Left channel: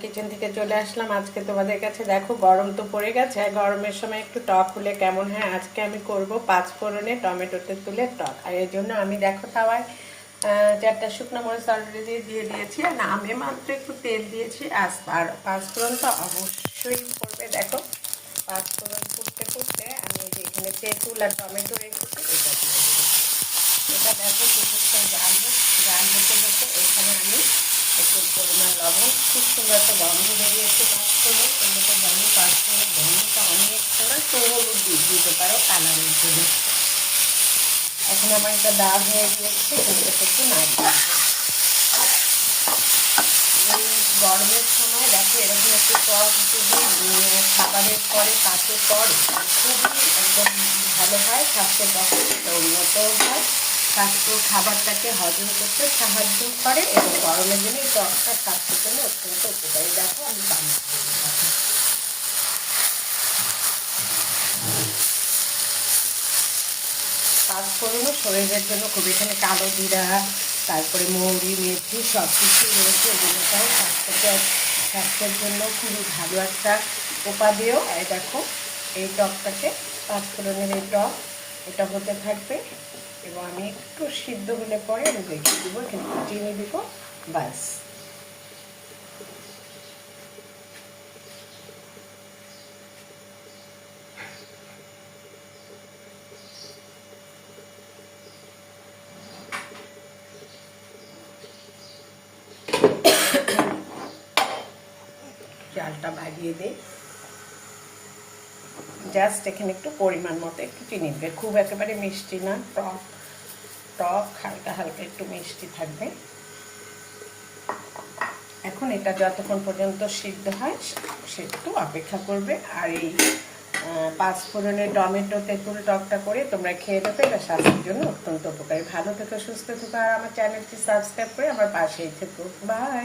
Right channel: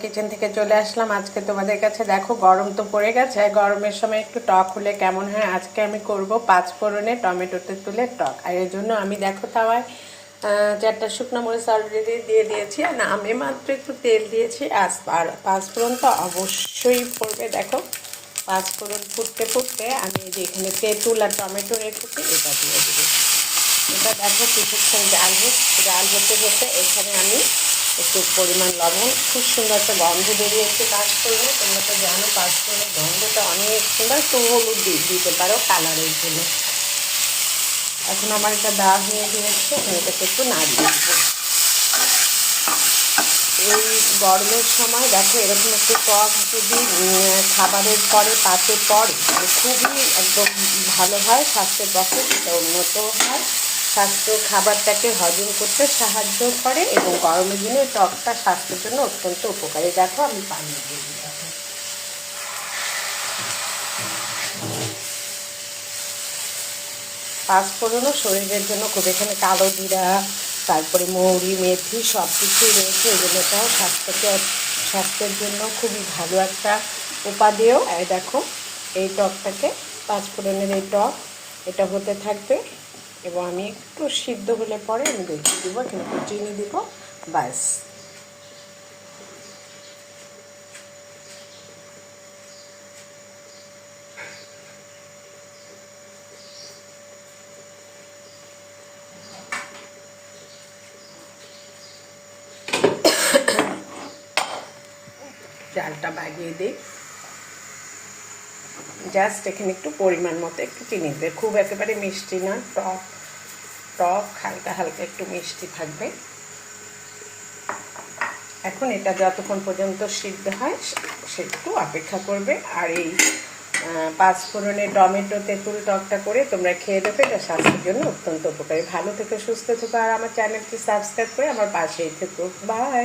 Kitchen থেকে চলে আসলাম আজকে তোমাদের কাছে। দেখো গরম তো পড়ে গেছে, গরমের সময় একটু টক হলে কেমন হয়। আজকে আমি করব 5 ফোড়নে টমেটো তেঁতুলের টক। আর এর জন্য আমি দেখো তাওয়ায় 4টা শুকনো মরিচ অলরেডি দিয়ে দিয়েছি, আর আমি মাত্র একটু তেল দিয়েছি। আর 5 ফোড়ন তো অবশ্যই পড়বে। দেখো 5 ফোড়ন ফুটতে ফুটতে আমি এই যে এখানে তেঁতুল আর টমেটো রেখেছি, এটা দিয়ে দেবো। এটা দেখো কিছুক্ষণ জাল হতে হতে এখানে আমি একটু পরিমাণ লবণ, খুব সুন্দর একটা গন্ধ বেরিয়েছে কাজ করবো। তোমরা তো জানো পাঁচফোড়নের গন্ধটা অনেক সুন্দর। একটু হলুদ দিতে পারো কালারের জন্য। এখন আমার এটা দেওয়া হয়ে গিয়েছে, এটাকে একটু নাড়িয়ে দেবো। এই গরমের সময় দেখো এরকম একটু টক যদি খাবারের পরে পাতে পরে খুবই একদম ভালো হয়, স্বাস্থ্যের পক্ষে সেটা উন্নত হয়, স্বাস্থ্য খাবারটাকে হজম করতে সাহায্য করে এবং গরমের দিনে টকটা স্বাস্থ্যের জন্য অত্যন্ত উপকারী। দেখো আমি পানি দিয়ে দিই। পাঁচফোড়নও শরীরের জন্য খুব, এখানে কালো জিরা, তারপরে মৌরি, মেথি সব কিছুই রয়েছে। এগুলোটাও স্বাস্থ্যের জন্য খুবই ভালো একটা উপাদেয়। এই দেখো এই টকটাকে, পাঁচফোড়নের এই টক এটা হতে থাকবে এবং আমি একটু সিদ্ধ হলে পরে আমি দেখিয়ে দিব, এখানে একটু চিনি দিব, ব্যাস। চালটা বাগিয়ে দিই, জাস্ট এখানে একটু পরিমাণ মতো একটু চিনি দেবে, খুব একেবারে মিষ্টি না, টক টক হালকা হালকা একটু মিষ্টি থাকবে। এখন এটা যতক্ষণ পর্যন্ত সিদ্ধ হয় সে একটু অপেক্ষা করবে। আর এই 5 ফোড়নের টমেটো তেঁতুল টকটা করে তোমরা খেয়ে দেবে, এটা স্বাস্থ্যের জন্য অত্যন্ত উপকারী। ভালো থেকে সুস্থ থেকো, আর আমার চ্যানেলটি সাবস্ক্রাইব করে আমার পাশেই থেকো। বাই।